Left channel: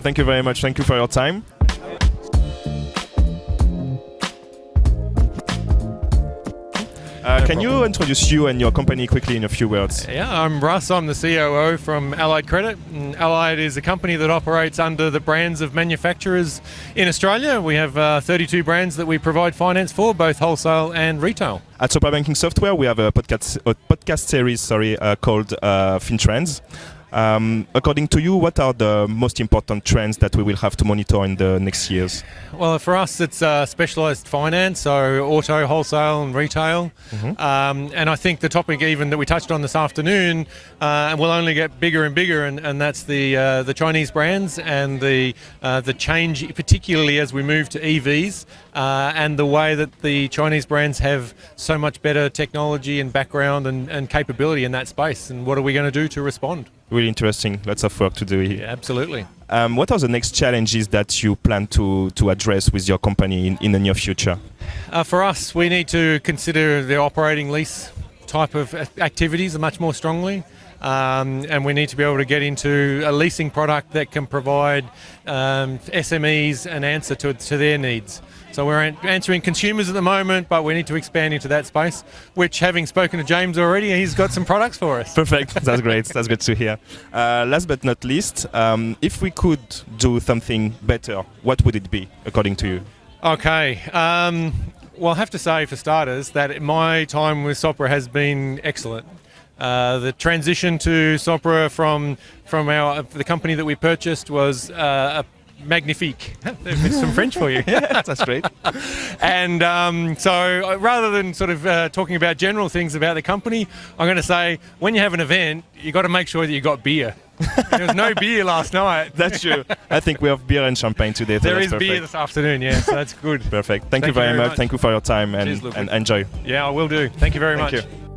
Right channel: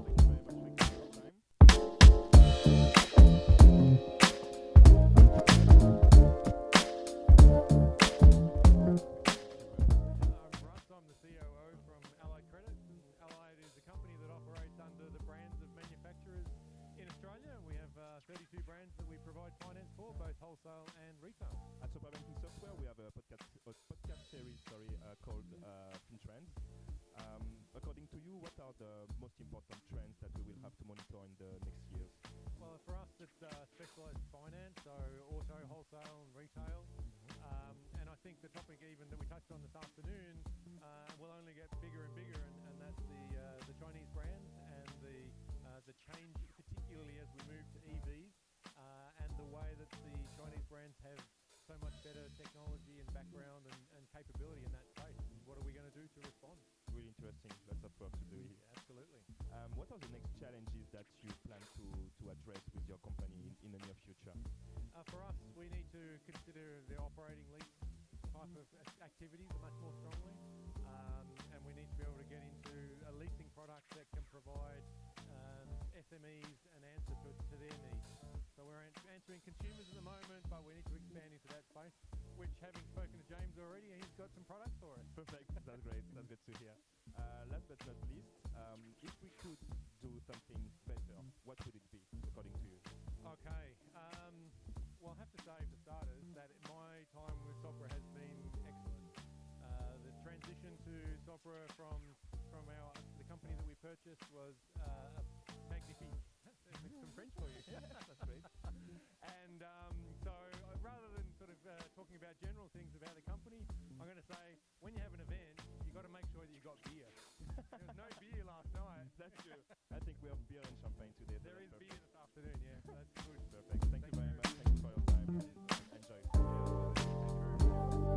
Thank you very much. Thank you for your time. Can you introduce you and your company quickly in a few words? Yeah, I'm Russ. I'm the COO from Allied Credit. And Allied is a company that operates under the brands of manufacturers in Australia. We have 32 brands that we provide finance for, both wholesale and retail. At Sopra Banking Software, we have a podcast series called FinTrends. According to you, what are the most important trends that we will have to monitor in the next years? Well, for us, it's specialised finance, so auto, wholesale and retail. And I think the topic even that we touched on this afternoon will only get bigger and bigger, and that's the Chinese brands and the change, particularly as we move to EVs, and the way that the Chinese brands have so much better technology and background and capability in that space. And what are we going to do to respond? Really interesting. Lots of work to do here. Yeah, absolutely. What are the next challenges that you plan to address with your company in the near future? For us, we need to consider the operating lease type of activities much more strongly. And we need to be able to get into a leasing product that can provide SMEs an answer to their needs. So we're answering consumers at the moment, but we need to expand into that space, which, having spoken to James already, he's got some products for us. Perfect. That's great. That's good to hear. Last but not least, if we could do something better, what would it be, according to you? Okay. Well, I have to say, for starters, that my time with Sopra has been excellent. The transition to Sopra from the company that we purchased was magnifique. There's some French for you. Yeah, that's great. And so rather than sort of talking about general things about the company, I'm going to say when you have an event, you got to make sure that you got beer. There was no beer last night. That's true. I think we have beer and champagne today. So there is perfect. beer this afternoon, yeah, so that's good. Perfect. Thank you very much. Thank you for your time and enjoy. Yeah, I will do. Thank you very much. You.